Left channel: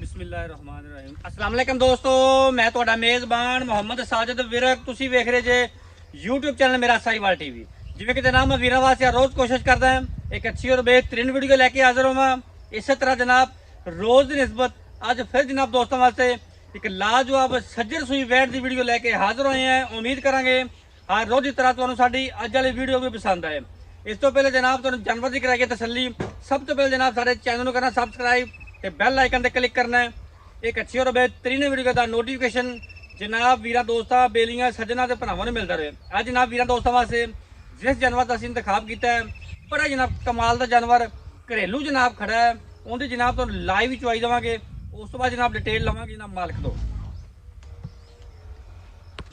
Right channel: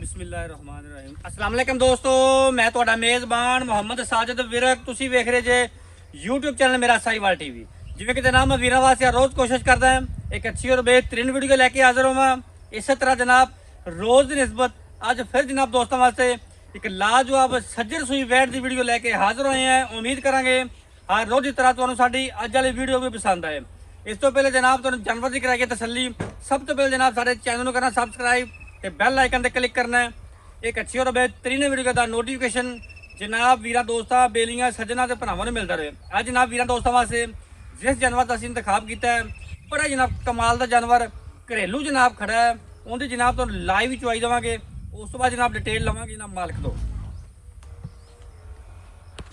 बिस्मिल्लाहिर्रहमानिर्रहीम। अस्सलाम वालेकुम दोस्तों, मैं ਤੁਹਾਡਾ ਮੇਜ਼ਬਾਨ ਮੁਹੰਮਦ ਸਾਜਦ ਵਿਰਕ। ਤੁਸੀਂ ਵੇਖ ਰਹੇ ਜੇ YouTube ਚੈਨਲ ਮੇਰਾ ਸਾਈਵਾਲ ਟੀਵੀ। ਜਿਵੇਂ ਕਿ ਜਨਾਬ ਮੈਂ ਵੀਰਾਂ ਵਾਸਤੇ ਰੋਜ਼ ਕੋਸ਼ਿਸ਼ ਕਰਦਾ ਹਾਂ ਇੱਕ ਅੱਛੀ ਔਰ ਬਿਹਤਰੀਨ ਵੀਡੀਓ ਲੈ ਕੇ ਹਾਜ਼ਰ ਹੋਵਾਂ। ਇਸੇ ਤਰ੍ਹਾਂ ਜਨਾਬ ਰੋਜ਼ ਦੀ ਨਿਸਬਤ ਅੱਜ ਫਿਰ ਜਨਾਬ ਦੋਸਤਾਂ ਵਾਸਤੇ ਇੱਕ ਲਾਜਵਾਬ ਸੱਜਰ ਸੂਈ ਵੈਟ ਦੀ ਵੀਡੀਓ ਲੈ ਕੇ ਹਾਜ਼ਰ ਹੋਏ ਹਾਂ। ਉਮੀਦ ਕਰਾਂਗੇ ਹਰ ਰੋਜ਼ ਦੀ ਤਰ੍ਹਾਂ ਤੁਹਾਨੂੰ ਸਾਡੀ ਅੱਜ ਵਾਲੀ ਵੀਡੀਓ ਵੀ ਪਸੰਦ ਆਏ। ਇਸ ਤੋਂ ਪਹਿਲੇ ਜਨਾਬ ਤੁਹਾਨੂੰ ਜਾਨਵਰ ਦੀ ਕਰਾਈਏ ਤਸੱਲੀ। ਸਭ ਤੋਂ ਪਹਿਲੇ ਜਨਾਬ ਸਾਡੇ ਚੈਨਲ ਨੂੰ ਕਰਨਾ ਸਬਸਕ੍ਰਾਈਬ ਤੇ ਬੈਲ ਆਈਕਨ ਤੇ ਕਲਿੱਕ करना है। एक अच्छी और बेहतरीन वीडियो का नोटिफिकेशन जनाब वीर दोस्तों बेलियां सज्जना के भरावां नूं मिलता रहे। अज जनाब वीर दोस्तों वास्ते जिस जानवर का असीं इंतखाब किया है बड़ा जनाब कमाल का जानवर घरेलू जनाब खड़ा है। उनकी जनाब तो लाइव चुवाई देवांगे। उस तो बाद जनाब डिटेल लवांगे जनाब मालिक तो।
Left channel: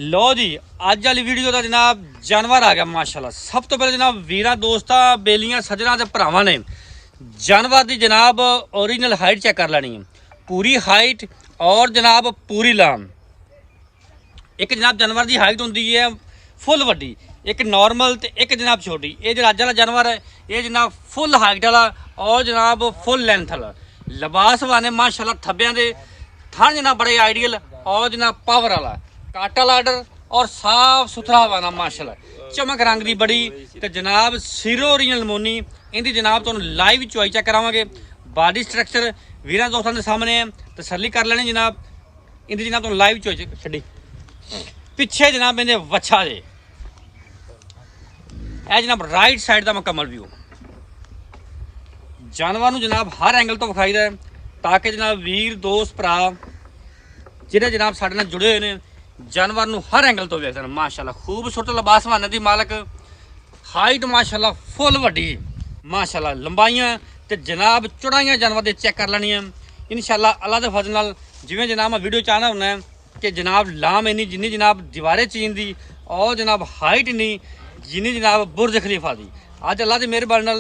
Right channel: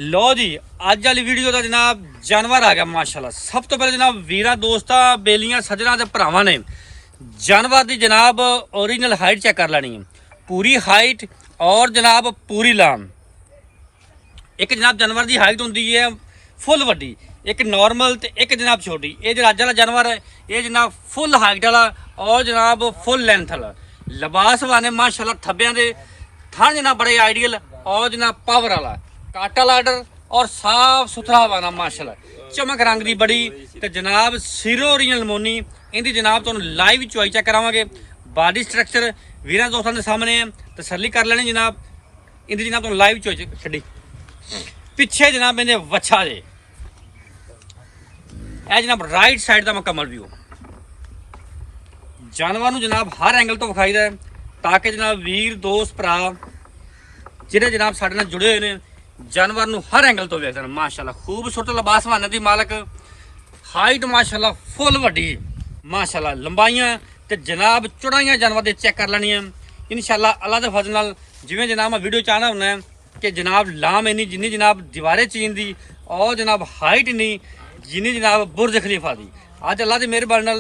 लो जी अज वाली वीडियो का जनाब जानवर आ गया माशाल्लाह। सब तो पहले जनाब वीर दोस्तों बेलियां सज्जना के भरावां ने जानवर की जनाब ओरिजिनल हाइट चेक कर लैनी है। पूरी हाइट और जनाब पूरी लाम। एक जनाब जानवर की हाइट होंगी है फुल वड्डी, एक नॉर्मल ते एक जनाब छोटी। ये जो अज वाला जानवर है ये जनाब फुल हाइट वाला और जनाब फुल लेंथ वाला। लिबास वाले माशाल्लाह थब्बियां दे थन जनाब बड़े आइडियल और जनाब पावर वाला काटा लाडर और साफ सुथरा वाला माशाल्लाह चमक रंग की बड़ी तो जनाब सिरो ओरिजिनल मोनी। इनकी जनाब तुहानूं लाइव चुआई चेक करावांगे। बॉडी स्ट्रक्चर वीर दोस्तों के सामने है, तसल्ली कर लेनी जनाब। इनकी जनाब तुहानूं लाइव चुआई छड्डी पिछे जनाब इन्हें वच्छा जे है जनाब राइट साइड का मुकम्मल व्यू जानवर नूं जनाब हर एंगल तो विखाई है ताकि जनाब वीर दोस्त भरा जिहड़े जनाब साडे नाल जुड़े हुए हैं जानवर नूं हर एंगल तो वेखदे माशाल्लाह। खूबसूरत लिबास वाने दी मालक हाइट माशाल्लाह फुल वड्डी माशाल्लाह लंबाइयां ते जनाब चौड़ाइयां जानवर दे चेक कर लैनी है इंशाल्लाह अल्लाह दे फजल नाल। जिवें जनाब मैं वीडियो चाहना हुंदा है कि जनाब लाम इन्नी जिन्नी जनाब दीवारे चीन दी और जनाब हाइट इन्नी जिन्नी जनाब बुर्ज खलीफा दी। अज अल्लाह दी मेहरबानी नाल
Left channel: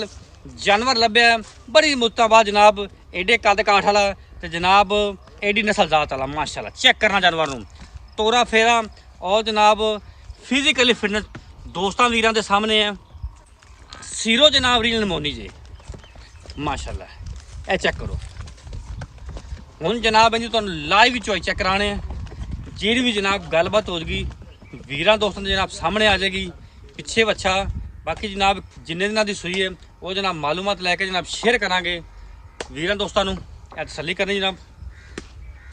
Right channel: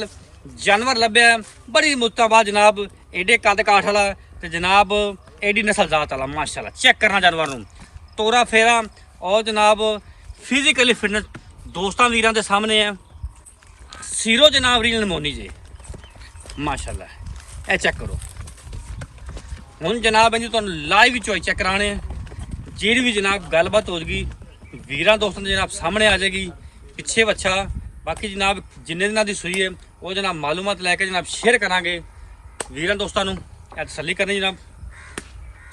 जानवर लभ्या बड़ी मुद्दतां बाद जनाब एडे कद काठ वाला ते जनाब एडी नस्ल जात वाला माशाल्लाह। चेक करना जानवर नूं तोरा फेरा और जनाब फिजिकली फिटनेस दोस्तां वीरां दे सामने है। सीरो जनाब रील नमोनी जे माशाल्लाह ए चेक करो। हुण जनाब इन्हू तुहानूं लाइव चॉइस चेक कराने जी भी जनाब गलबात हो जाएगी वीरां दोस्तों के जनाब सामने आ जाएगी पिछे बच्चा। बाकी जनाब जिन्ने दिनों की सूई है वो जनाब मालूमात लैके जनाब शेयर करांगे वीरां दोस्तों नूं तसल्ली करनी जनाब।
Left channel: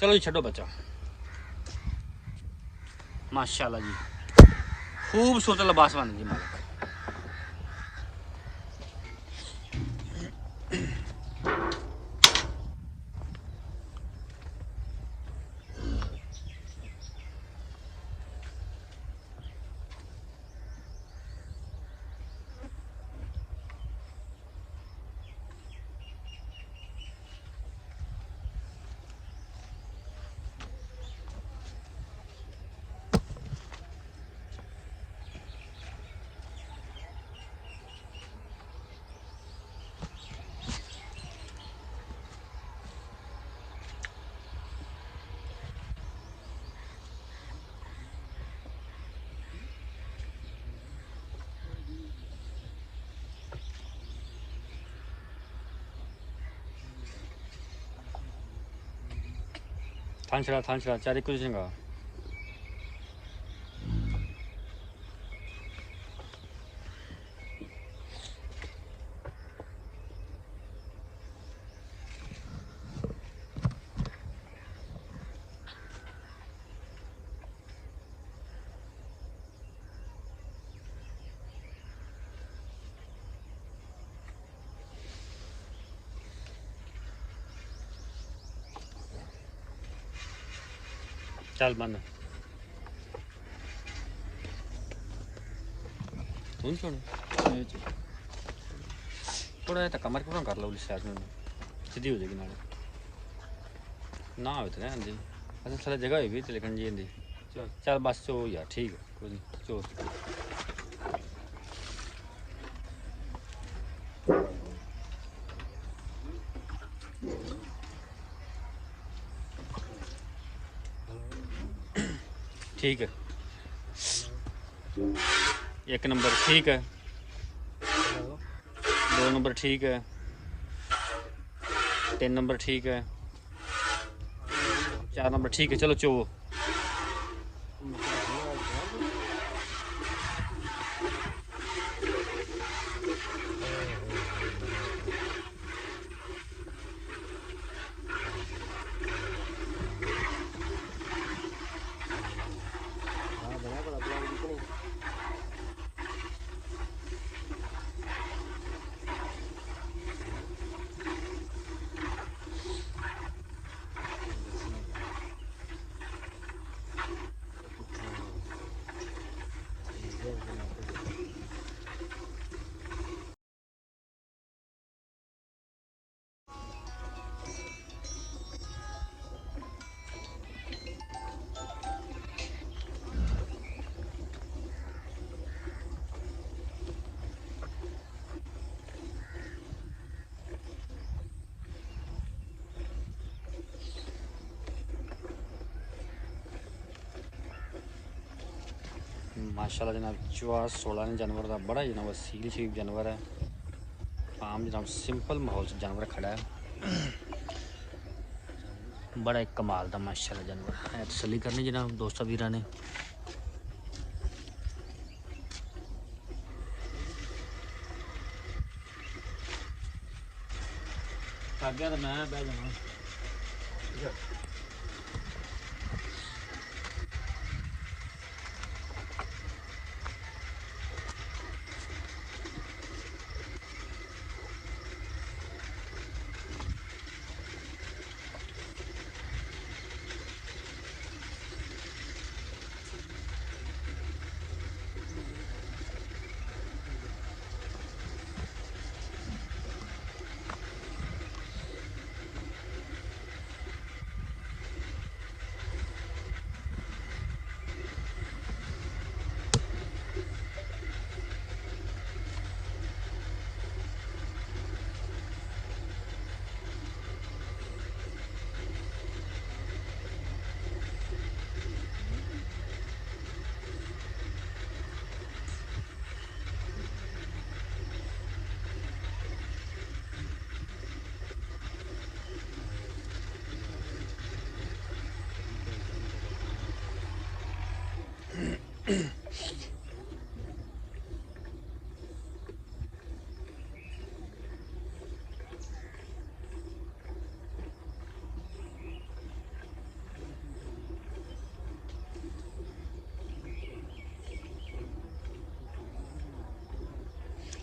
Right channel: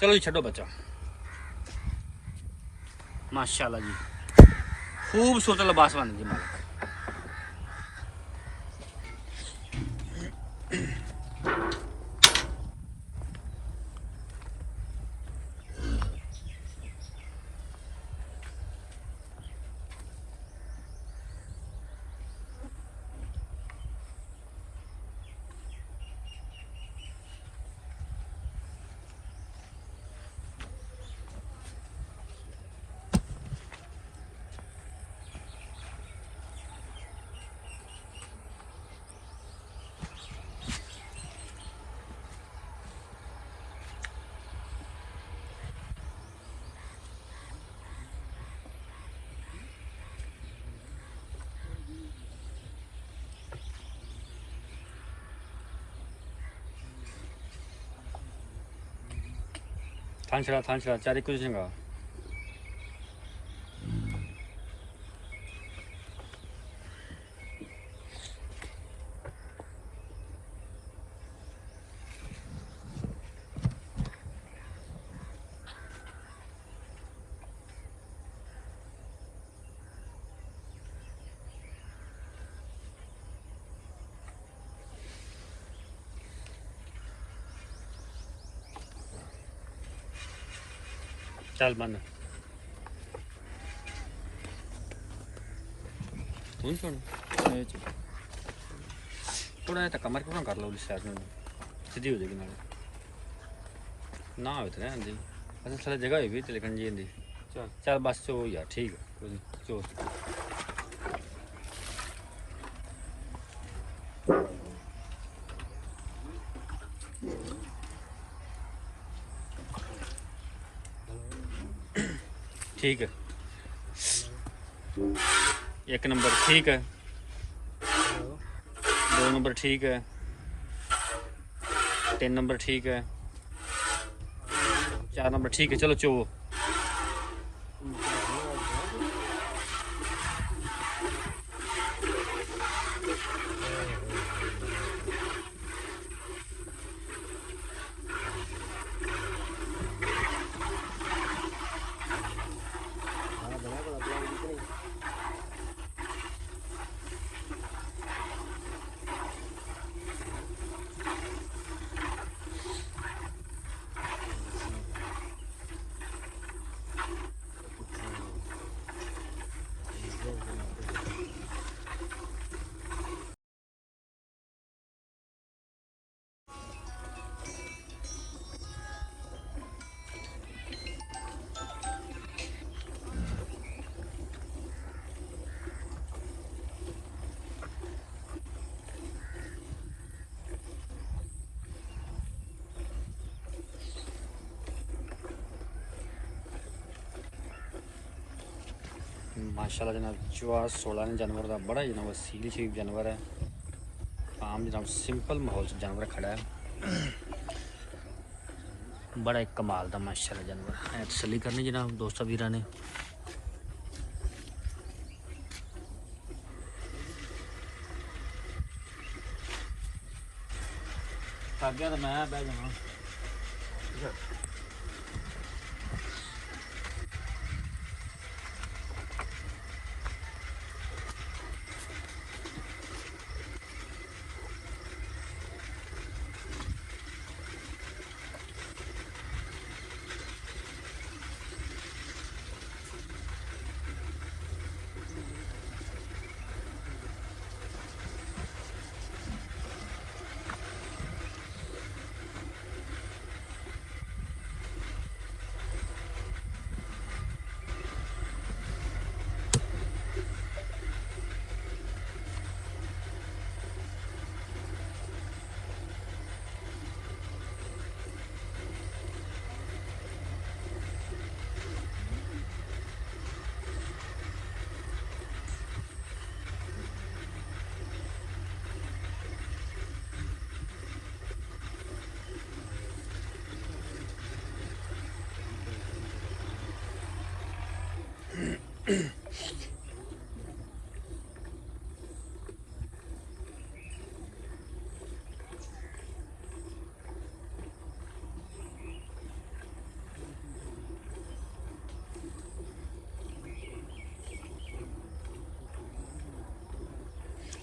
चलो जी छड्डो बच्चा माशाल्लाह जी खूबसूरत लिबास बन जी मालिक। थान छड़ा चारे कुछ चंगा चल बन थोड़ा धक्का मार पूरा कर लो सीधी हो जाएगी ना हो तो आती अच्छा थोड़ा जगह होगी तो लेकिन जी आती चल बस चो यार ठीक है कोई चो ठीक है एक नंबर ठीक है 2 नंबर ठीक है 3 नंबर ठीक है 4 नंबर ठीक है। चलो चो माशाल्लाह जनाब चुआ 16 ने जानवर का बड़ा जनाब सील शरीफ जानवर है। आम जनाब सिंपल माहौल से जानवर खड़ा है, बड़ा एक कमाल का माशाल्लाह जानवर है। तसल्ली करनी जनाब दोस्तों वीर ने। तो मैं बह जाऊँ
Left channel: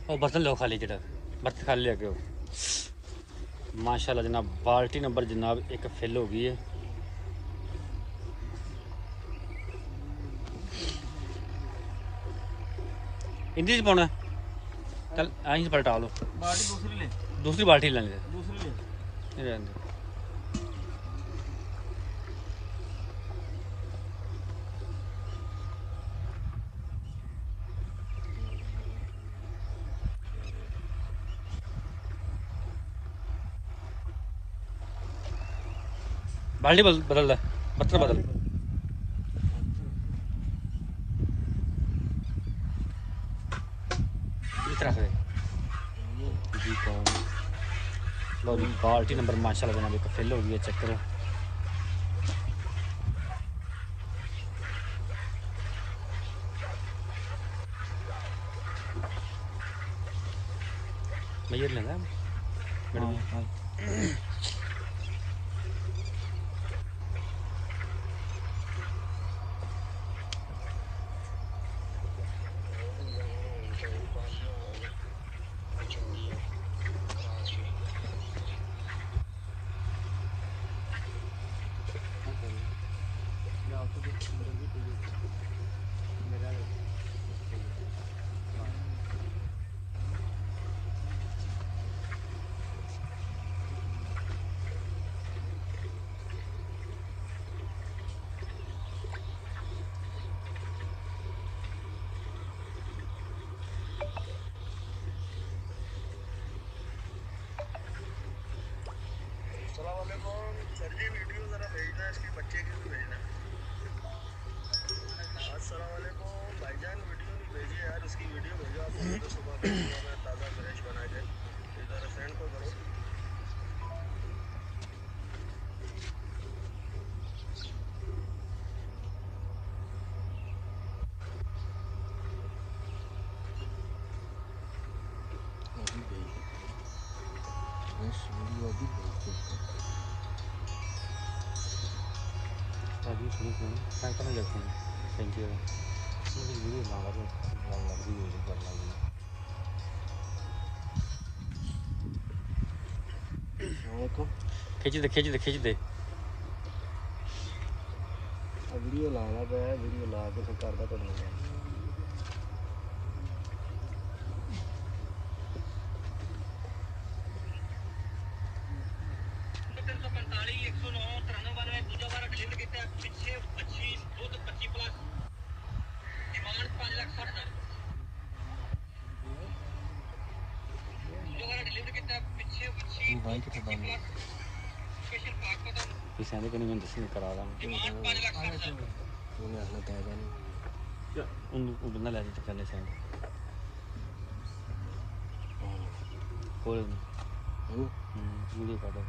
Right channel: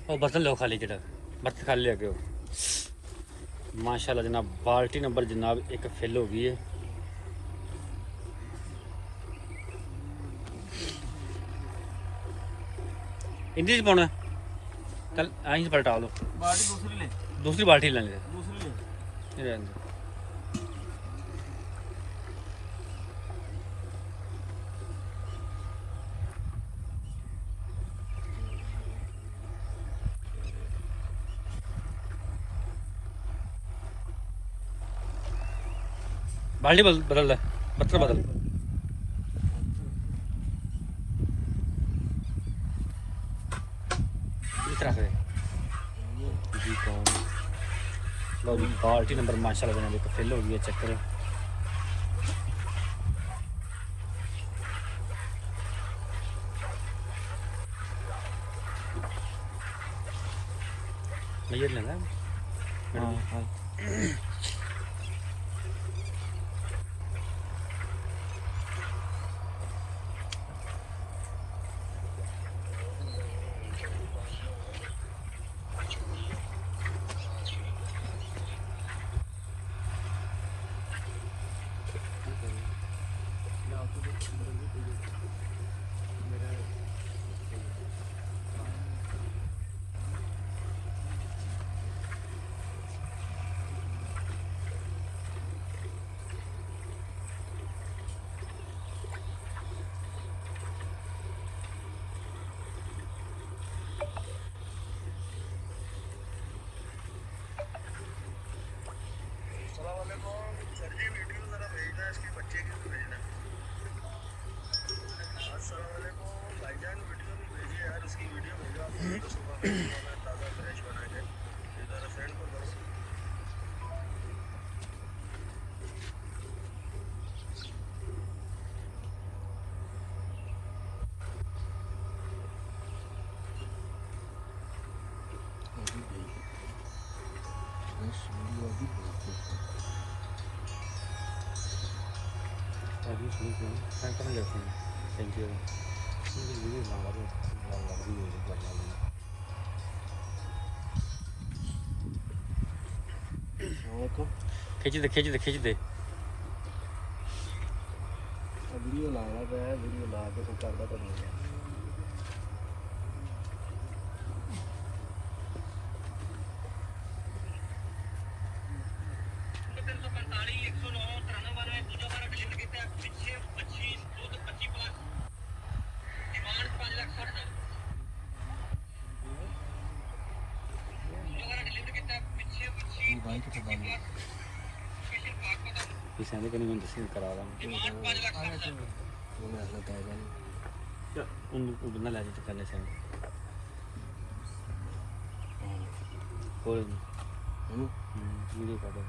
और बर्तन लो खाली जरा बर्तन खाली लेके हो। माशाल्लाह जनाब बाल्टी नंबर जनाब एक फिल हो गई है। इंदी च पाना चल आई पलटा लो बाल्टी दूसरी ले, दूसरी बाल्टी लेने दूसरी ले। रहने दे। बाल्टी बदल दे बर्तन बदल रख दे जी। कौन लो जी बाल्टी नंबर माशाल्लाह जनाब एक फिल हो गई है। चक्कर मैं लेना ਭਾਜੀ ਸੁਣੀ ਸੁਣੀ ਕਰਨ ਗਏ ਸੀ ਥੈਂਕ ਯੂ ਵੀਡੀਓ ਨਾਲ ਲੱਗਦੀ ਹੋਈ ਬੜੀ ਲੱਗਦੀ ਦੇਖੋ ਖਿੱਚਦੇ ਵੀਡੀਓ ਲਾਉਣਾ ਪਿਆ ਵੀਡੀਓ ਲਾ ਕੇ ਕੋਈ ਕਰਦਾ ਤਾਂ ਨਹੀਂ ਕਿਸੇ ਨੇ ਮੈਨੂੰ ਦੱਸਣ ਕਰਾ ਦਾਂਗੇ ਉਹਨੂੰ ਬਣਾ ਲੈ ਤੇ ਕਰਨੇ ਸੈਂਡ ਕੋਲ ਵੀਡੀਓ ਕਰ ਦੋ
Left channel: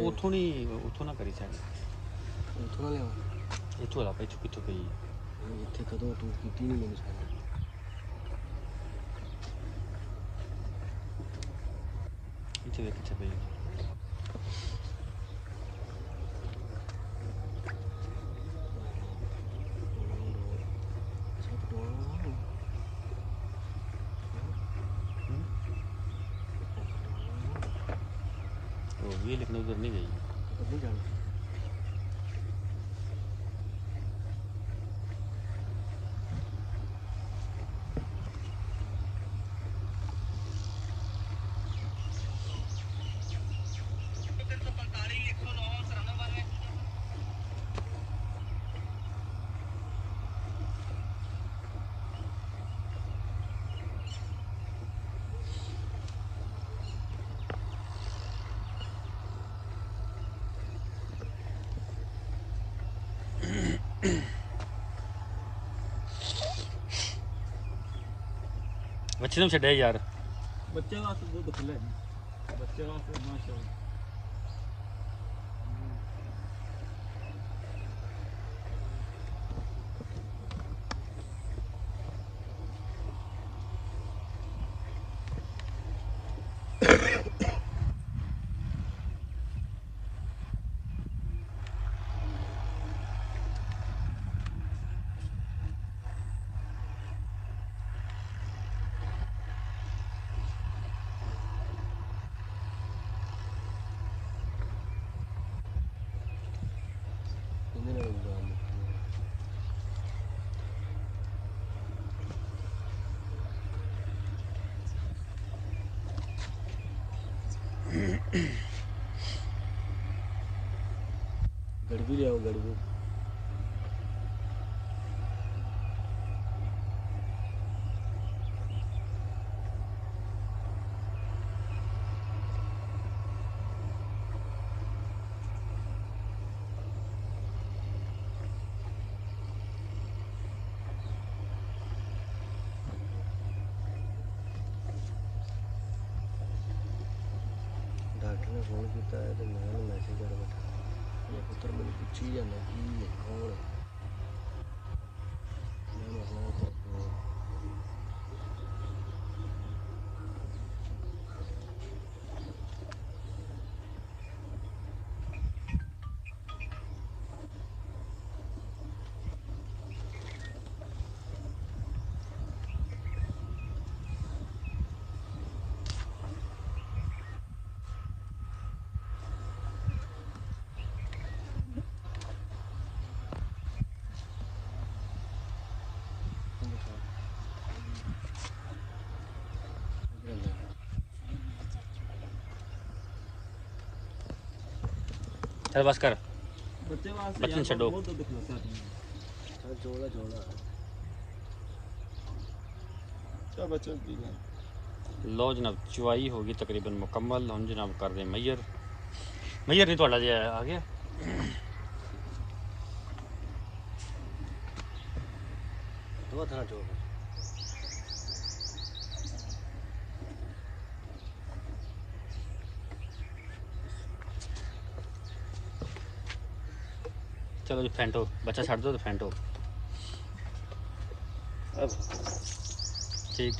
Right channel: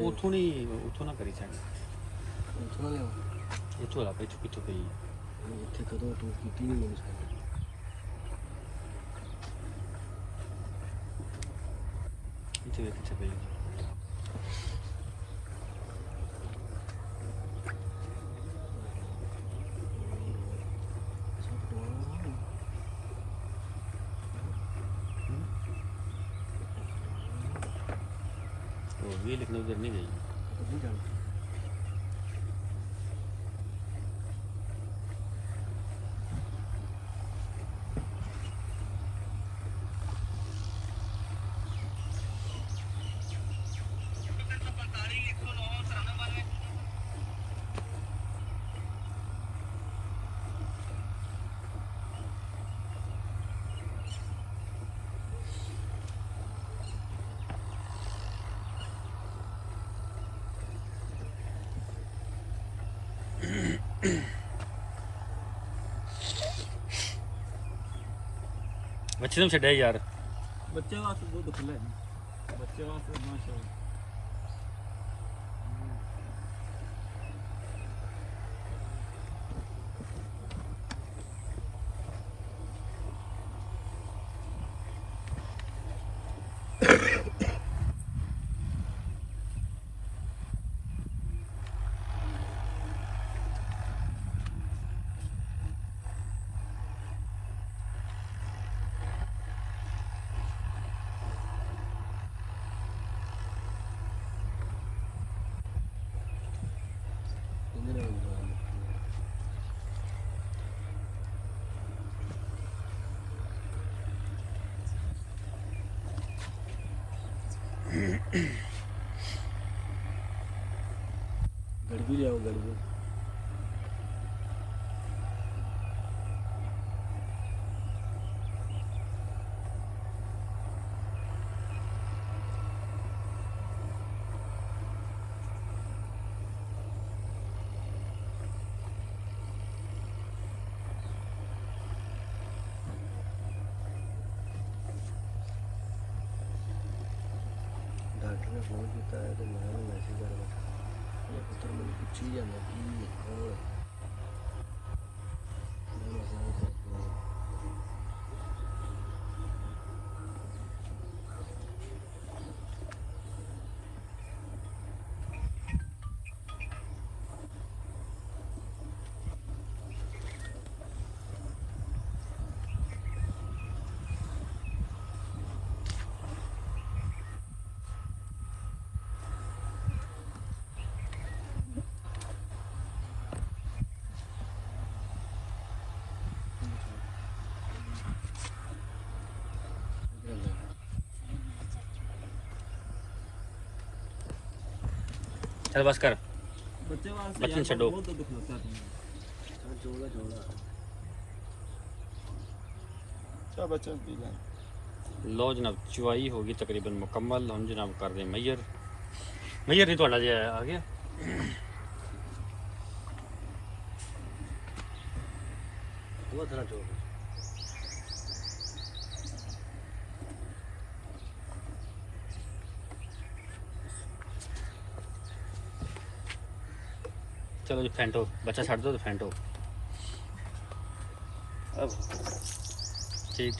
ਉੱਥੋਂ ਨਾ ਕਰੀ ਸੈਂਡ ਉੱਥੋਂ ਲਾ ਪਈ ਚੁੱਕੀ ਗਈ ਇੱਥੇ ਕਦੋਂ ਤੂੰ ਕੀਤੀ ਨਹੀਂ ਮੈਨੂੰ ਸਾਰਾ ਇੱਥੇ ਕਿੱਥੇ ਪਈ वो भी लेकिन उधर नहीं गई बच्चे तुम छड़े यार ਬੱਚੇ ਵਾਸਤੇ ਦੁੱਧ ਖੁੱਲਾ ਹੈ ਬੱਚੇ ਵਾਸਤੇ ਮਾਸ਼ਾਅੱਲਾ गड़बी ले आओ गड़बी डॉक्टर ने फोन किया तो मैं मैसेज कर रहा ये पुत्र मेरी पूछी जाना कि और मैंने सर करता चल बस कर बच्चे वास्ते बच्चन यार छड्डो। बहुत दुख लगता है जोड़ा जोड़ा क्या बच्चे पी गए लो जनाब चुवाई होगी तकरीबन मुकम्मल हम जनाब कर दें मैयर नहीं थोड़ा जिहा आ गया दो था जो चलो जी फेंटो बच्चा छड़ दो तो फेंटो अब ठीक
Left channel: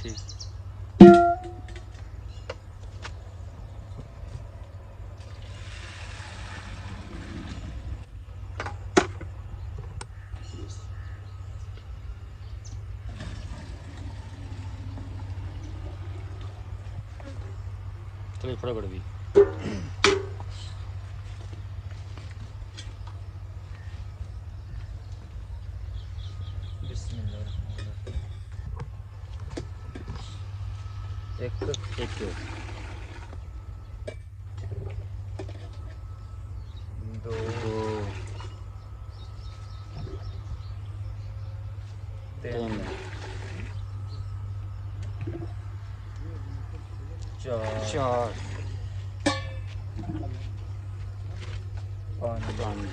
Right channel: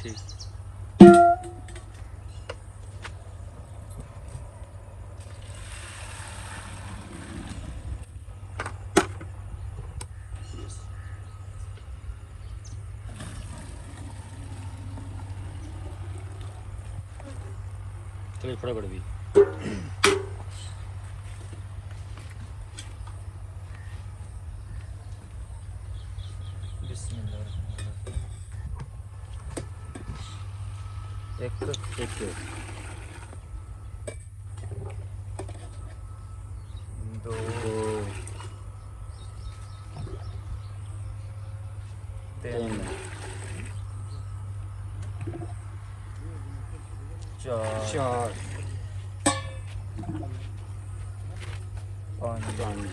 ਥੋੜੀ ਫੜਾ ਗੜਵੀ ਇੱਕ ਦੋ ਤਿੰਨ ਚਾਰ ਪੰਜ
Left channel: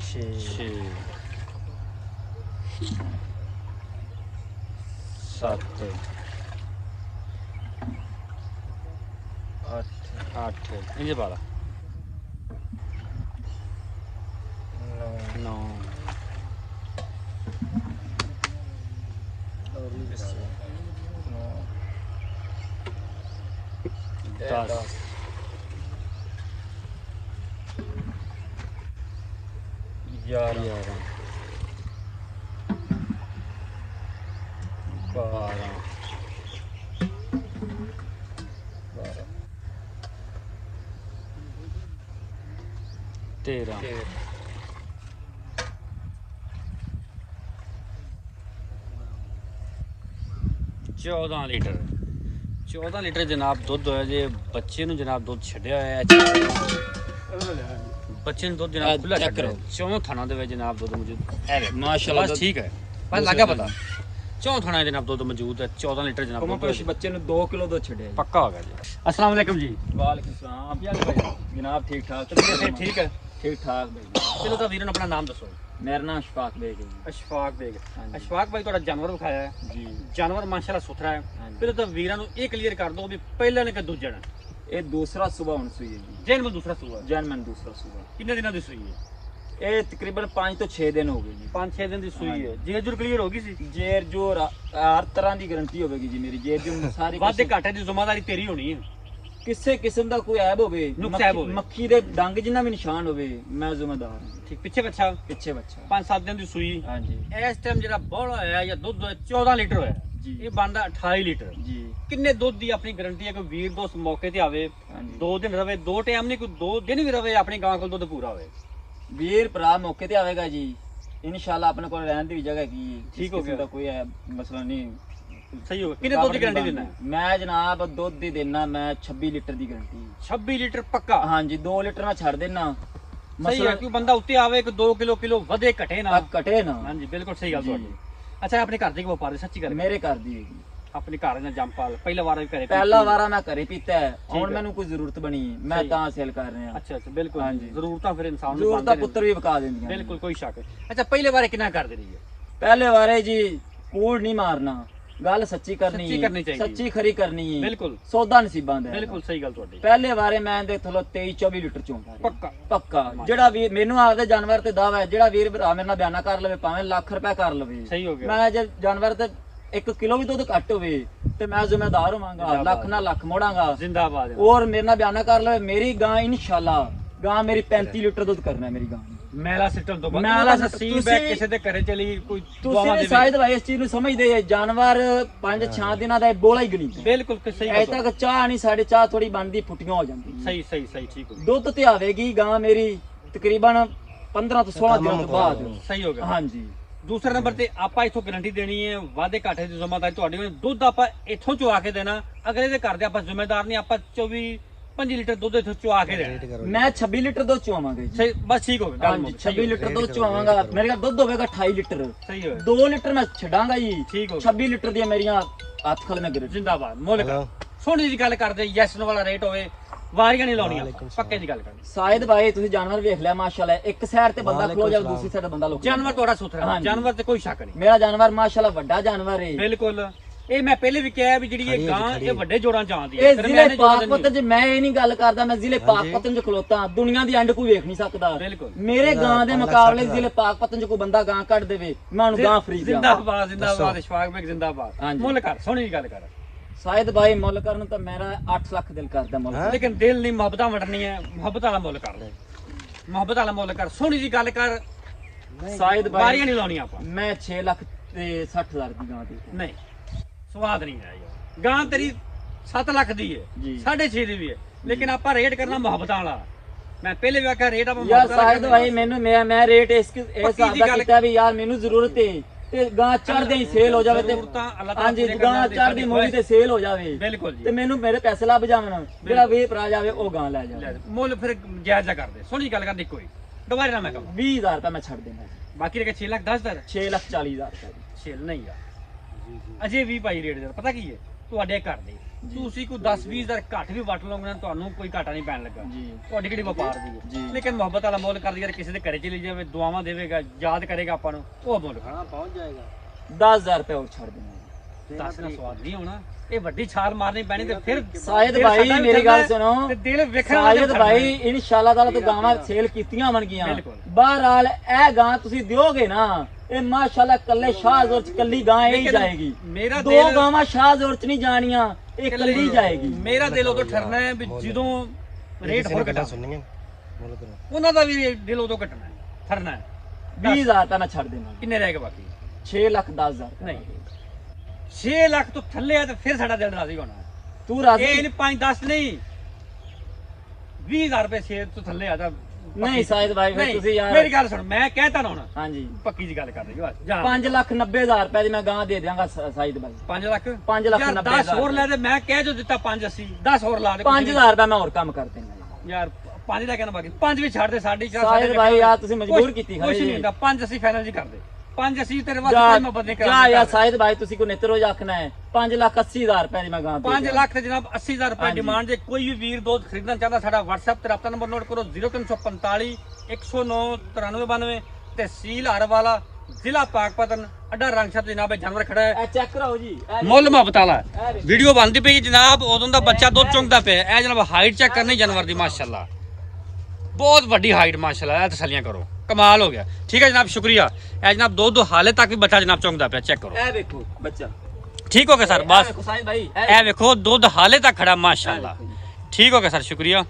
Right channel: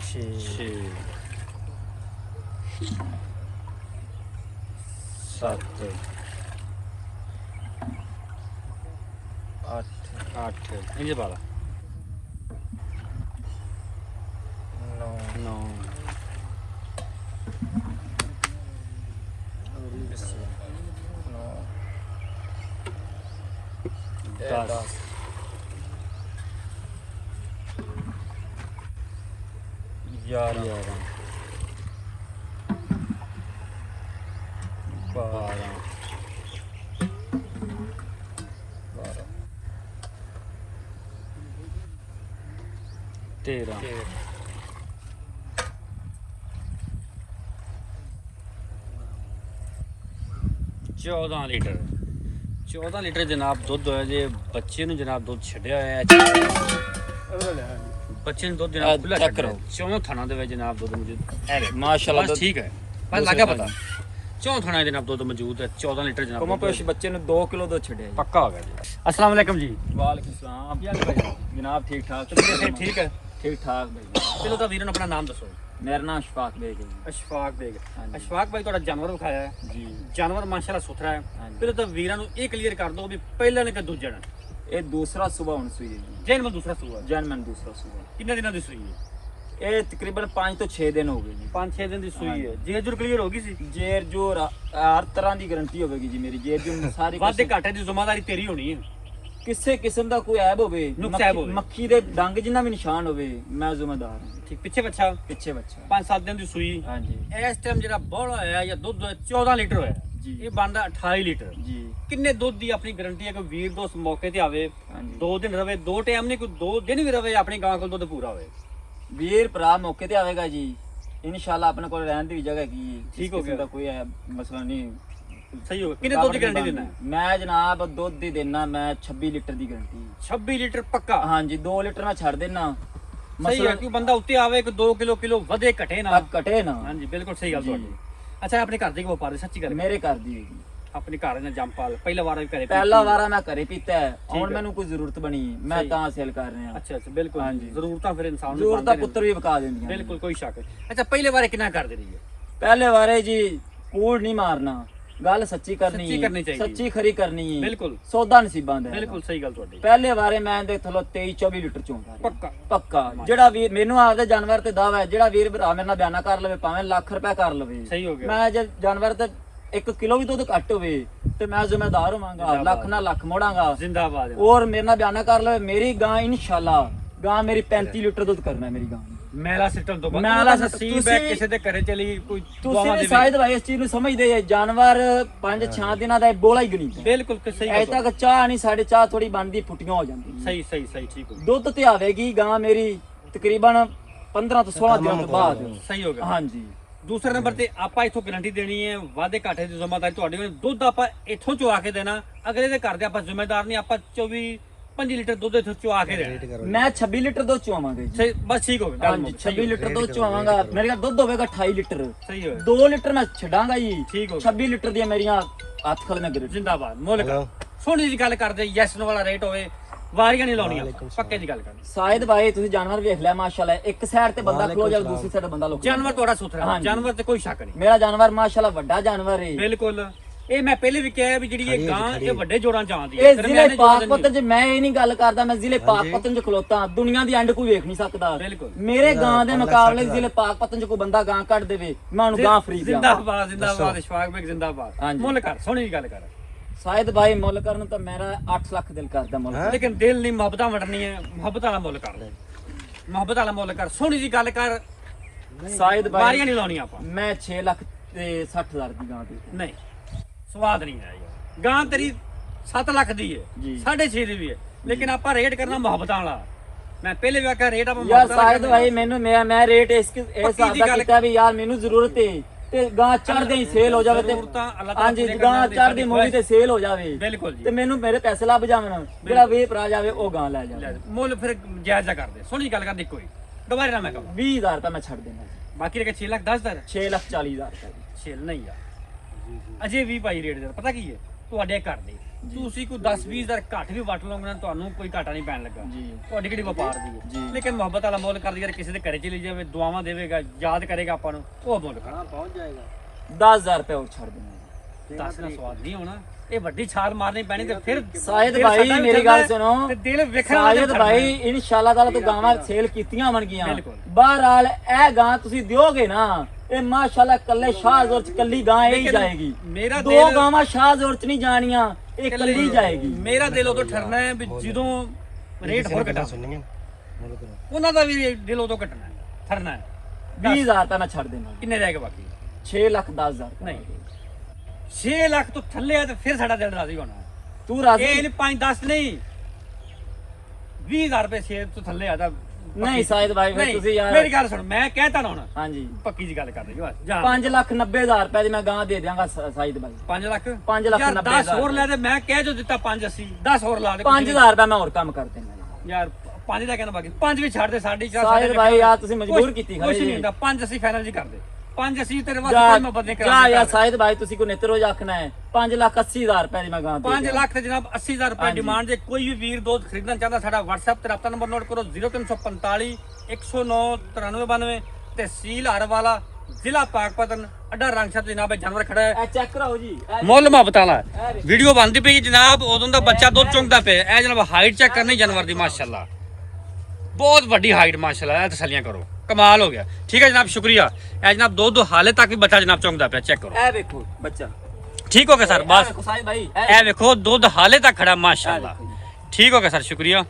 ਛੇ ਸੱਤ ਅੱਠ ਇੰਜ ਪਾ ਲਾ 9 10 11 12 13 14 ਲੀਟਰ 14 ਲੀਟਰ ਜਨਾਬ ਦੁੱਧ ਹੋਇਆ ਜੇ ਬੱਚੇ ਨੂੰ ਜਨਾਬ ਦੁੱਧ ਛੱਡਿਆ ਹੋਇਆ ਹੈ ਬੱਚੇ ਨੂੰ ਦੁੱਧ ਜਨਾਬ ਖੁੱਲਾ ਛੱਡ ਕਰੋ ਚੌਂ ਥਾਣਾ ਦੇ ਵਿੱਚ ਜਨਾਬ ਦੁੱਧ ਮੌਜੂਦ ਮਾਸ਼ਾਅੱਲਾ ਬਸ ਠੀਕ ਹੈ ਪਰ ਲੱਗਾ ਪਤਾ ਚੌਂ ਥਾਣਾ ਜਨਾਬ ਦੁੱਧ ਮੌਜੂਦ ਹੈ 14 ਲੀਟਰ ਜਨਾਬ ਦੁੱਧ ਕੁਝ ਬੱਚੇ ਨੂੰ 2 ਕਿਲੋ ਦੁੱਧ ਛੱਡਿਆ ਪੱਕਾ ਹੋ ਗਿਆ ਜੀ अस्सलाम वालेकुम जी ਵਾਲੇਕੁਮ ਸਲਾਮ ਕੀ ਹਾਲ ਹੈ ਭਾਈ ਜਨਾਬ ਠੀਕ ਠਾਕ ਤੁਸੀਂ ਠੀਕ ਹੈ ਠੀਕ ਠਾਕ ਭਾਈ ਚਲੋ ਤਾਂ ਵੀਰਾਂ ਨੂੰ ਆਪਣਾ ਨਾਮ ਦੱਸੋ ਮੇਰਾ ਨਾਮ ਅਸ਼ਫਾਕ ਬੇਗ ਹੈ ਅਸ਼ਫਾਕ ਬੇਗ ਹਾਂਜੀ। ਅਸ਼ਫਾਕ ਭਾਈ ਤੁਹਾਡਾ ਜਾਨਵਰ ਵਿਖਾਇਆ ਹੈ ਜੀ ਜਾਨਵਰ ਮਾਸ਼ਾਅੱਲਾ ਸੁਥਰਾ ਹੈ ਹਾਂਜੀ। ਪਹਿਲਾਂ ਤਾਂ ਵੀਰਾਂ ਨੂੰ ਇਹ ਕਲੀਅਰ ਕਰ ਦਿਓ ਵੀ ਪਹਿਲਾ ਨੇ ਕਿ ਦੂਜਾ ਨੇ ਇਹ ਦੂਸਰਾ ਸੂਬਾ ਹੁਣ ਸੂਈ ਹੈ ਜੀ ਜੈਨ ਦੂਸਰਾ ਸੂਆ ਜਨਮਨ ਦੂਸਰਾ ਸੂਬਾ ਕਿੰਨੇ ਦਿਨਾਂ ਦੀ ਸੂਈ ਹੈ ਇਹ ਤਕਰੀਬਨ 5 ਤੋਂ 6 ਦਿਨ ਹੋ ਗਏ ਜੀ 5-6 ਦਿਨ ਦੀ ਸੂਈ ਹੈ ਜੇ ਜੁਰ ਕਲੀਅਰ ਹੋ ਗਈ ਸੀ ਜੇਰ ਜੋਰ ਹਰ ਤਰ੍ਹਾਂ ਦੀ ਗਾਰੰਟੀ ਹੋਵੇਗੀ ਜੀ ਮੇਰੀ ਜੇਰ ਜੋ ਸਾਰੀ ਵਾਧੇ ਘਾਟੇ ਦੀ ਜ਼ਿੰਮੇਵਾਰੀ ਤੇਰੀ ਹੋਣੀ ਹੈ ਕਿਸੇ ਕਿਸਮ ਦਾ ਕੋਈ ਐਬ ਹੋਵੇ ਨੁਕਸ ਐਬ ਹੋਵੇ। ਮੱਖੀ ਦੇ ਡੰਗ ਜਿੰਨਾ ਵੀ ਨਿਸ਼ਾਨ ਹੋਵੇ ਮੈਂ ਜ਼ਿੰਮੇਦਾਰ ਹਾਂ ਠੀਕ ਪਿੱਛੇ ਬੱਚਾ ਪਿੱਛੇ ਬੱਚਾ 5-7 ਦਿਨ ਦੀ ਸੂਈ ਹਾਂਜੀ ਇਸ ਟਾਈਮ ਜਿਹੜਾ ਬੋਲਾ ਹੋਇਆ ਜਾਂ ਦੁੱਧ 14 ਲੀਟਰ ਹੋਇਆ ਜੀ ਇਹ ਬਣਦਾ 28 ਲੀਟਰ ਜੀ ਕਿੰਨੇ ਦੁੱਧ ਦੀ ਆਪਣੀ ਗਾਰੰਟੀ ਹੈ ਕਿ ਵੀਰ ਦੋਸਤ ਮੌਕੇ ਤੇ ਆਵੇ ਹਾਂਜੀ 2 ਦਿਨ ਰਵੇ 2 ਟਾਈਮ ਨਹੀਂ ਕੋਈ 2 ਦਿਨ ਵੀ ਰਵੇ ਆਪਣੀ ਗਾਂ ਕੋਲ ਦੁੱਧ ਪੂਰਾ ਹੋਵੇ ਵੀਰ ਭਰਾ ਮੌਕੇ ਤੇ ਆਵੇਗਾ ਜੀ ਇਨਸ਼ਾਅੱਲਾ ਆਪਣੇ ਕੋਲ ਰਹਿਣ ਦੀ ਵੀ ਜਗ੍ਹਾ ਕੀ ਹੈ ਠੀਕ ਹੋ ਗਿਆ। ਦਾ ਕੋਈ ਹੈ ਮਸਲਾ ਨਹੀਂ ਸਹੀ ਹੋਗਾ ਕਿੰਨੇ ਦੁੱਧ ਦੀ ਗਾਰੰਟੀ ਦਿੰਦਾ ਹੈ? ਮੈਂ ਜਨਾਬ ਦੁੱਧ ਦੀ ਦੇਣਾ ਮੈਂ 26 ਲੀਟਰ ਦੀ ਗਾਰੰਟੀ 26 ਲੀਟਰ ਪੱਕਾ ਹਾਂਜੀ 2 ਲੀਟਰ ਨਾਲ ਛੱਡ ਦੇਣਾ ਸਹੀ ਹੈ ਕਿ ਬੰਦਾ ਉੱਤੇ ਆਵੇ ਕਿ 2 ਕਿਲੋ ਵਧੇ ਘਟੇ ਨਾ ਘਟੇ ਨਾ ਹਾਂਜੀ ਬਿਲਕੁਲ ਸਹੀ ਗੱਲ ਜੀ। ਤੁਹਾਡੀ ਅੱਛਾ ਆਪਣੇ ਘਰ ਦੇ ਕੋ ਵਪਾਰ ਸੱਚੀ ਗੱਲ ਮੇਰੇ ਘਰ ਦੀ ਹੈਗੀ ਆਪਣੇ ਘਰ ਨਾਲ ਜੰਪਾਲ ਪਹਿਲਾ ਵਾਰ ਵੀ ਘਰੇ ਪਹਿਲਾ ਵਾਰਾ ਮੈਂ ਘਰੇ ਪੀਤਾ ਹੈ ਹੁਣ ਹੈ। ਮੈਨੂੰ ਕੋਈ ਜ਼ਰੂਰਤ ਬਣੀ ਮੈਂ ਸਹੀ। ਤਾਂ ਸੇਲ ਕਰ ਰਿਹਾ ਅੱਛਾ ਬਿਲਕੁਲ ਹਾਂਜੀ। ਜ਼ਰੂਰਤਾਂ ਫਿਰ ਇਨਸਾਨ ਨੂੰ ਜ਼ਰੂਰਤ ਦਾ ਬਣਦੇ ਨੇ। ਪੁੱਤਰ ਵੀ ਵਿਕਾ ਦਿੰਦੀਆਂ ਨੇ। ਬਿਲਕੁਲ ਕੋਈ ਸ਼ੱਕ ਨਹੀਂ ਅੱਛਾ ਪਹਿਲੇ ਵਾਰੇ ਕਿੰਨਾ ਕਰਦੇ ਰਹੀ ਹੈ ਪਹਿਲੇ ਵਾਰੇ ਜੀ ਕੂੜ ਨਹੀਂ ਮਾਰਨਾ ਗੱਲ ਸੱਚੀ ਕਰਨੀ ਸੱਚੀ ਕਰਨੀ ਚਾਹੀਦੀ ਹੈ। ਸੱਚੀ ਖਰੀ ਕਰਨੀ ਹੈ ਬਿਲਕੁਲ ਸੌਦਾ ਨਸੀਬਾਂ ਦਾ ਬਿਲਕੁਲ ਸਹੀ ਗੱਲ ਤੁਹਾਡੀ ਪਹਿਲੇ ਵਾਰੇ ਮੈਂ ਦੇ ਥਲੋ 23-24 ਲੀਟਰ ਚੋਂਦਾ ਰਿਹਾ। ਪੱਕਾ ਪੱਕਾ ਜਿਹੜਾ ਵੀਰ ਮੈਨੂੰ ਆਪਦੇ ਜਾਨਵਰ ਤੇ ਦਾਵਾ ਹੈ ਜਿਹੜਾ ਵੀਰ ਭਰਾ ਮੇਰੇ ਨਾਲ ਬਿਆਨਾ ਕਰ ਲਵੇ ਭਾਵੇਂ ਲੱਖ ਰੁਪਏ ਕਰ ਲਵੇ ਸਹੀ ਹੋ ਗਿਆ ਮੈਂ ਜੇ ਜਾਨਵਰ ਤੇ 1 ਕਿਲੋ ਵੀ ਦੁੱਧ ਘੱਟ ਹੋਵੇ ਤੇ ਮੈਂ ਜ਼ਿੰਮੇਦਾਰ ਹੋਵਾਂਗਾ ਲੱਖ ਨਾਲ ਲੱਖ ਮੋੜਾਂਗਾ ਜ਼ਿੰਦਾਬਾਦ ਔਰ ਮੇਰੇ ਨਾਲ ਬਿਆਨਾ ਕਰ ਲਵੇ ਮੇਰੀ ਗਾਂ ਇਨਸ਼ਾਅੱਲਾ ਗਾਂ ਮੇਰੀ 35 ਲੀਟਰ ਦੁੱਧ ਕਰਨਾ ਮੇਰੀ ਗਾਂ ਨੇ। ਮੈਲਾ ਸਿੱਟਣ ਤੋਂ ਬਾਅਦ ਮੈਲਾ ਮੈਲਾ ਸਿੱਟ- ਨਸੀਬ ਹੈ ਤੁਸੀਂ- ਕਿਸੇ ਦੇ ਘਰੇ ਚਲੀ ਕੋਈ ਤੁਸੀਂ ਦੁਆਵਾਂ ਵੀ ਦੇਵੇ ਸ਼ਾਇਦ ਭਾਈ ਇਸ ਚੀਜ਼ ਨੂੰ ਸਮਝਦੇ ਜੇ ਜਾਨਵਰ 5-6 ਦਿਨਾਂ ਦਾ ਬੋਲਾ ਹੀ ਗਣੀ ਬਿਲਕੁਲ ਸਹੀ ਅਜੇ ਗੱਲ ਤੱਕ ਚਾਹ ਨਹੀਂ ਸਾਡੇ ਚਾਹ ਥੋੜੀ ਬਣਦੀ ਫੁੱਟੀਆਂ ਹੋ ਜਾਂਦੀ ਸਹੀ ਠੀਕ ਹੋ ਗਿਆ ਦੁੱਧ ਤੇ ਆਵੇਗੀ ਗਾਂ ਮੇਰੀ ਤਕਰੀਬਨ 15 ਤੋਂ 16 ਦਿਨਾਂ ਤੋਂ ਬਾਅਦ ਸਹੀ ਹੋ ਗਿਆ ਹਾਂਜੀ ਦੂਸਰੇ ਨੰਬਰ ਤੇ ਆਪਾਂ ਇਥੋਂ ਗਾਰੰਟੀ ਦੇਣੀ ਹੈ ਵਾਧੇ ਘਾਟੇ ਦੀ ਜ਼ਿੰਮੇਵਾਰੀ ਤੁਹਾਡੀ ਹੋਣੀ ਦੁੱਧ ਆਪਾਂ ਇਥੋਂ ਚੁਆ ਕੇ ਦੇਣਾ ਅਗਲੇ ਦੇ ਘਰ ਦੇ ਆਪਾਂ ਜ਼ਿੰਮੇਦਾਰ ਨਹੀਂ ਆਪਾਂ 24-25 ਲੀਟਰ ਦੁੱਧ ਇਥੋਂ ਚੁਆ ਕੇ ਦੇਣਾ ਮੈਂ 26 ਲੀਟਰ ਦੁੱਧ ਚੁਆਵਾਂਗਾ ਜੀ ਸਹੀ ਬਸ ਠੀਕ ਹੋ ਗਿਆ ਗੱਲ ਹਾਂਜੀ ਮੁੱਕ 26 ਲੀਟਰ ਦੁੱਧ ਚੁਆਵਾਂਗਾ ਮੇਰੇ ਕੋਲ ਦੁੱਧ ਹੋਵੇਗਾ 28 ਲੀਟਰ ਸਹੀ ਹੋ ਗਿਆ 2 ਲੀਟਰ ਮੈਂ ਛੱਡਾਂਗਾ ਜੀ ਠੀਕ ਹੋ ਗਿਆ 26 ਲੀਟਰ ਦੀਆਂ ਮੇਰੀਆਂ ਹੱਥ ਖਲ ਮੈਂ ਗਿਰ ਜਿੰਦਾਬਾਦ ਮੁੱਲ ਕਰ ਸੋਹਣੀ ਜੀ ਗੱਲ ਕਰਦੇ ਯੈਸ ਨੋ ਵਾਲਾ ਰੇਟ ਹੋਵੇ ਵਾਰੀਆਂ ਨਹੀਂ ਲਾਉਣੀਆਂ ਪੱਕੇ ਦੀ ਗੱਲ ਕਰਦੇ ਸ਼ਾਇਦ ਭਾਈ ਤੁਸੀਂ ਜਾਨਵਰ ਵੇਖ ਲਿਆ ਮਾਸ਼ਾਅੱਲਾ ਇੱਕ ਸਾਈਡ ਤੇ ਬੰਦਾ ਖਲੋ ਜਾਵੇ ਦੂਸਰੀ ਸਾਈਡ ਬੰਦਾ ਲੋਕ ਜਾਨਵਰ ਤੁਹਾਡਾ ਸੁਥਰਾ ਹਾਂਜੀ। ਜਾਨਵਰ ਤੇ ਕੋਈ ਸ਼ੱਕ ਨਹੀਂ ਮੇਰਾ ਜਾਨਵਰ ਮਾਸ਼ਾਅੱਲਾ ਵੱਡਾ ਜਾਨਵਰ ਹੈ ਬਿਲਕੁਲ ਇਹ ਮੈਂ ਪਹਿਲੇ ਵੀ ਕਿਹਾ ਵੀ ਜਿਹੜੀ ਇਹ ਗਾਂ ਇਹ ਵੱਡੇ ਜੋੜਾਂ ਚ ਆਉਂਦੀ ਇਹ ਜ਼ਿਲ੍ਹੇ ਦਰਮਿਆਨੇ ਜੋੜਾਂ ਚ ਪਾਕਪਤਨ ਚ ਮੈਂ ਇਹ ਨਹੀਂ ਗੱਲ ਕਰਦਾ ਮੈਂ ਜ਼ਿਲ੍ਹੇ ਪਾਕਪਤਨ ਚ ਖਲੋਤਾ ਦੁਨੀਆ ਦੀ ਐਂਡ ਕੋਈ ਵੇਖ ਨਹੀਂ ਸਕਦਾ ਬਿਲਕੁਲ ਮੇਰੇ ਗਾਂ ਦੇ ਮੁਕਾਬਲੇ ਜ਼ਿਲ੍ਹੇ ਪਾਕਪਤਨ ਚ ਕੋਈ ਬੰਦਾ ਗਾਂ ਕੱਢ ਦੇਵੇ ਮੈਂ ਉਹਨੂੰ ਗਾਂ ਫਰੀ ਦਿਆਂ ਜ਼ਿੰਦਾਬਾਦ ਇਸ਼ਫਾਕ ਬੇਗ ਜ਼ਿੰਦਾਬਾਦ ਹਾਂਜੀ। ਮੁੱਲ ਕਰ ਸੋਹਣੀ ਜੀ ਗੱਲ ਕਰ ਸ਼ਾਇਦ ਭਾਈ ਮੁੱਲ ਕਰਨ ਤਾਂ ਮੇਰਾ 8 ਲੱਖ ਦਿਲ ਕਰਦਾ ਮੁੱਲ ਲੇਕਿਨ ਦਿਲ ਨਹੀਂ ਮੁਹੱਬਤਾਂ ਵੰਡਣੀ ਹੈ ਮੁਹੱਬਤ ਵਾਲਾ ਮੁੱਲ ਕਰ ਮੁਹੱਬਤ ਵਾਲਾ ਮੁੱਲ ਕਰ ਸੋਹਣੀ ਜੀ ਗੱਲ ਕਰ ਸ਼ਾਇਦ ਭਾਈ ਵਾਰੀਆਂ ਨਹੀਂ ਲਾਉਣੀਆਂ ਆਪਾਂ ਮੈਂ 6 ਲੱਖ ਤੇ 60 ਹਜ਼ਾਰ ਦੀ ਗਾਂ ਦੇ ਨਹੀਂ ਸਵਾਦ ਨਹੀਂ ਆਇਆ ਯਾਰ ਗਾਂ ਤੇਰੀ 7 ਲੱਖ ਦੀ ਹੈ, ਜੀ। 6.5 ਦੀ ਵੀ ਹੈ, ਲੇਕਿਨ ਆਪਾਂ ਰੇਟ ਕਰਨਾ ਮੁਹੱਬਤਾਂ ਵਾਲਾ। ਮੈਂ ਪਹਿਲੇ ਵੀ ਆਖਿਆ ਰੇਟ ਆਪਾਂ ਯਾਰ ਮੁਹੱਬਤਾਂ ਵਾਲਾ ਸਾਹਿਬ ਭਾਈ ਮੈਨੂੰ ਮੈਂ ਰੇਟ ਇਸ ਹਿਸਾਬ ਦੀ ਦਾ ਗੱਲ- ਕੀਤਾ ਵੀ ਯਾਰ ਮੈਨੂੰ ਜ਼ਰੂਰਤ ਹੈ ਤੇ ਗਾਂ ਚੜਦੇ ਹੀ ਸੇਲ ਹੋ ਜਾਵੇ ਤੇ ਜ਼ਰੂਰਤਾਂ ਅੱਲਾਹ ਤਾਲਾ ਹਾਂਜੀ ਪੂਰੀਆਂ ਗਾਂ ਕਰਨ ਦੀ ਚੜਦੀ ਮੂਵੀ ਤੇ ਸੇਲ ਹੋ ਜਾਵੇ ਬਿਲਕੁਲ ਜੀ। ਤੇ ਮੈਨੂੰ ਮੇਰੇ ਪੈਸੇ ਲੱਭ ਜਾਵਣ, ਜਿਹੜਾ ਵੇ ਭਰਾ ਜਾਵੇ ਉਹ ਗਾਂ ਲੈ ਜਾਵੇ। ਮੁੱਲ ਫਿਰ ਜਾਇਜ਼ਾ ਕਰਦੇ, ਸੋਹਣੀ ਗੱਲ ਕਰਦੇ ਕੋਈ ਦੁਬਾਰਾ ਨਾ ਮੈਂ ਕਹਾਂ। 20,000 ਰੁਪਏ ਮੈਂ ਛੱਡ ਦੇਣਾ, ਬਾਕੀ ਰਹਿ 6 ਲੱਖ 10 ਦਰ 6,40,000 ਰੁਪਏ ਦੀ। ਛਿਲ ਨਹੀਂ ਯਾਰ ਅਜੇ ਵੀ ਭਾਈ ਰੇਟ ਦਾ ਪਤਾ ਕੀ ਹੈ, ਤੁਹਾਡੇ ਘਰ ਦੇ ਤੁਸੀਂ ਕੋਈ 10-20 ਹਜ਼ਾਰ ਘੱਟ ਵੀ ਵਟ ਲਓਗੇ ਨਾ ਤੁਹਾਨੂੰ ਕੋਈ ਘਾਟਾ ਨਹੀਂ ਪੈਣ ਲੱਗਾ। ਜੀ। ਤੁਹਾਡੀ ਕਿਹੜੀ ਵਪਾਰ ਦੀ ਜੀ। ਹੈ, ਲੇਕਿਨ ਮੁਹੱਬਤ ਵਾਲਾ ਮੁੱਲ ਕਰਦੀ ਯਾਰ ਕਿਸੇ ਦੇ ਘਰੇ ਚਲੀ ਜਾਵੇ, ਦੁਆਵਾਂ ਦੇਵੇਗਾ, ਯਾਦ ਕਰੇਗਾ ਆਪਾਂ ਨੂੰ, ਉਹ ਮੁੱਲ ਕਰ। ਪਹੁੰਚ ਜਾਏਗਾ 10,000 ਰੁਪਏ ਹੋਰ ਛੱਡ ਦੇਣਾ। ਦੱਸ ਨਾ ਸਵਾਦ ਨਹੀਂ ਹੋਣਾ, ਇਹ ਵੱਡੀ ਛਾਲ ਮਾਰਨੀ ਪੈਣੀ ਤੇ ਫਿਰ ਸਾਹਿਦ ਫਿਰ ਭਾਈ ਸਾਡਾ ਵੀ ਮੇਰੀ ਚੱਲਦਾ ਗੱਲ ਹੈ ਸੁਣੋ, ਤੇ ਦਿਲ ਵੇਖਣ ਵਾਲੇ ਸਾਹਿਦ ਭਾਈ ਇਨਸ਼ਾਅੱਲਾ ਤਾਲਾ ਤੋਂ ਗਾਵਾਂ ਸੇਲ ਕੀਤੀਆਂ ਹੋਣਗੀਆਂ। ਬਿਲਕੁਲ। ਬਹਰਾਲ ਇਹ ਗਾਂ ਤੁਸੀਂ ਦਿਓਗੇ ਨਾ, ਇਹ ਮਾਸ਼ਾਅੱਲਾ ਕੱਲੇ ਸ਼ਾਹਜ਼ੋਰ ਚ ਕੱਲੀ ਗਾਂ ਹੀ ਲੇਕਿਨ ਜਾਏਗੀ। ਮੇਰਾ ਦੋ ਦਿਲ- ਗਾਵਾਂ ਸ਼ਾਹਜ਼ੋਰ ਚ ਨਹੀਂ ਜਾਣੀਆਂ, ਇਹ ਕੱਲੀ ਜਾਏਗੀ। ਮੇਰਾ ਦਿਲ ਉਦੋਂ ਠਰਨਾ ਹੈ ਵੀ ਜਦੋਂ ਰੇਟ ਹੋਰ ਘਟਾ ਉਹਨਾਂ ਦਾ ਵੀ ਦਿਲ ਉਦੋਂ ਘਟਣਾ ਹੈ, ਠਰਨਾ ਹੈ। 20,000 ਤਾਂ ਮੈਂ ਛੱਡ ਦੇਣਾ। ਕਿੰਨੇ ਰਹਿ ਗਏ ਬਾਕੀ? 6,10,000 ਨਹੀਂ 6 ਲੱਖ ਤੋਂ ਥੱਲੇ ਆ ਤੇ ਫਿਰ ਸਾਡਾ ਦਿਲ ਰਾਜ਼ੀ ਹੋਣਾ ਹੈ। ਤੂੰ ਰਾਜ਼ੀ ਇਹ ਨਹੀਂ 5-10 ਨਹੀਂ 20,000 ਰੁਪਏ 6 ਤੋਂ ਥੱਲੇ ਆ ਤਾਂ ਨਹੀਂ ਸਾਹਿਦ ਭਾਈ ਫਿਰ ਨਹੀਂ, ਤੁਸੀਂ ਯਾਰ ਮੇਰੀ ਗੱਲ ਸੁਣ, ਮੈਂ ਕਹਿਤਾ ਨਾ ਹੁਣ ਹਾਂਜੀ ਪੱਕੀ ਜੀ ਗੱਲ ਕਰ ਰਹੀ ਬਸ ਜਾ 5,90,000 ਰੁਪਏ ਦੀ ਮੈਂ ਗਾਂ ਦੇ ਦਿਆਂਗਾ ਸਾਹਿਦ ਭਾਈ। 5 ਲੱਖ 5 ਲੱਖ ਯਾਰ 90 10 ਹੋਰ ਲੈ ਦੇ, ਮੈਂ ਕਹਿ ਜੋ ਦਿੱਤਾ 580 10 ਹੋਰ ਲਾ ਦੇ 5,000 ਰੁਪਏ ਮੈਂ ਹੋਰ ਕੰਮ ਕਰ ਦੇਣਾ ਯਾਰ 5 ਦਾ ਕਹਿੰਦਾ ਬਾਕੀ 5 ਵੀ ਛੱਡ ਦੇ, ਸਾਡੀ ਸਾਹਿਦ ਭਾਈ ਯਾਰ ਤੁਸੀਂ ਮਜਬੂਰ ਕੀਤੀ ਕੁਛ ਖੜੇ ਨਹੀਂ ਹੁੰਦਾ, 5 ਅਸੀਂ ਫਾਈਨਲ ਜੀ ਕਰਦੇ, 5 ਅਸੀਂ ਤੇਰੇ ਵਾਸਤੇ ਜਾ ਕੋਈ ਮੁਹੱਬਤ ਨਹੀਂ ਜਾ ਕਰਾਂਗੇ। ਯਾਰ ਸਾਹਿਦ ਭਾਈ ਤੁਸੀਂ ਕੋ ਨਿਤਰੋ ਆਖਣਾ ਹੈ 5,80,000 ਰੁਪਏ ਦੀ ਮੈਂ ਗਾਂ ਦੇ 5 ਲੱਖ ਤੇ ਜਨਾਬ 80,000 ਰੁਪਏ ਡਿਮਾਂਡ ਜੇ ਕੋਈ ਵੀ ਵੀਰ ਦੋਸਤ ਖਰੀਦਣਾ ਚਾਹੁੰਦਾ ਸਾਡਾ WhatsApp ਤੇ ਰਾਬਤਾ ਨੰਬਰ ਨੋਟ ਕਰੋ 0345 109 9392 ਤਹਿਸੀਲ ਹਰਵਾਲਾ ਜ਼ਿਲ੍ਹਾ ਪਾਕਪਤਨ ਅੱਡਾ ਰੰਗਸ਼ਾਹ ਜਨਾਬ ਇਹ ਜਾਨਵਰ ਖੜਾ ਹੈ ਇਹ ਚੈੱਕ ਕਰਾਓ ਜੀ ਮੁੱਲ ਮੈਂ ਬਤਾਣਾ ਵੀਡੀਓ ਬਣਦੀ ਪਈ ਜਨਾਬ, ਉਦੋਂ ਦਾ ਬੱਚਾ ਦੁੱਧ ਚੁੰਗਦਾ ਪਿਆ। ਇਹ ਜਨਾਬ ਹਾਈਟ ਚੈੱਕ ਕਰਨੀ ਜਾਨਵਰ ਦੀ, ਮਾਸ਼ਾਅੱਲਾ ਬਹੁਤ ਵੱਡੀ ਹਾਈਟ ਮਾਸ਼ਾਅੱਲਾ, ਇਹ ਤਸੱਲੀਆਂ ਕਰੋ, ਕਮਾਲ ਹੋ ਗਿਆ। ਠੀਕ ਹੈ ਜਨਾਬ, ਸ਼ੁਕਰੀਆ। ਇਹ ਜਨਾਬ ਦੁੱਧ ਹਾਲੇ ਤੱਕ ਵੀ ਬੱਚਾ ਜਨਾਬ ਚੁੰਗਦਾ ਪਿਆ, ਚੈੱਕ ਕਰੋ। ਇਹ ਵੇਖੋ ਬੱਚਾ ਠੀਕ ਹੋ ਗਿਆ ਸਰ, ਬਸ ਸਾਹਿਦ ਭਾਈ ਇਹ ਵੇਖੋ ਦੁੱਧ ਹਾਲੇ ਤੱਕ ਖੜਾ ਮਾਸ਼ਾਅੱਲਾ। ਠੀਕ ਹੋ ਗਿਆ ਸਰ, ਸ਼ੁਕਰੀਆ।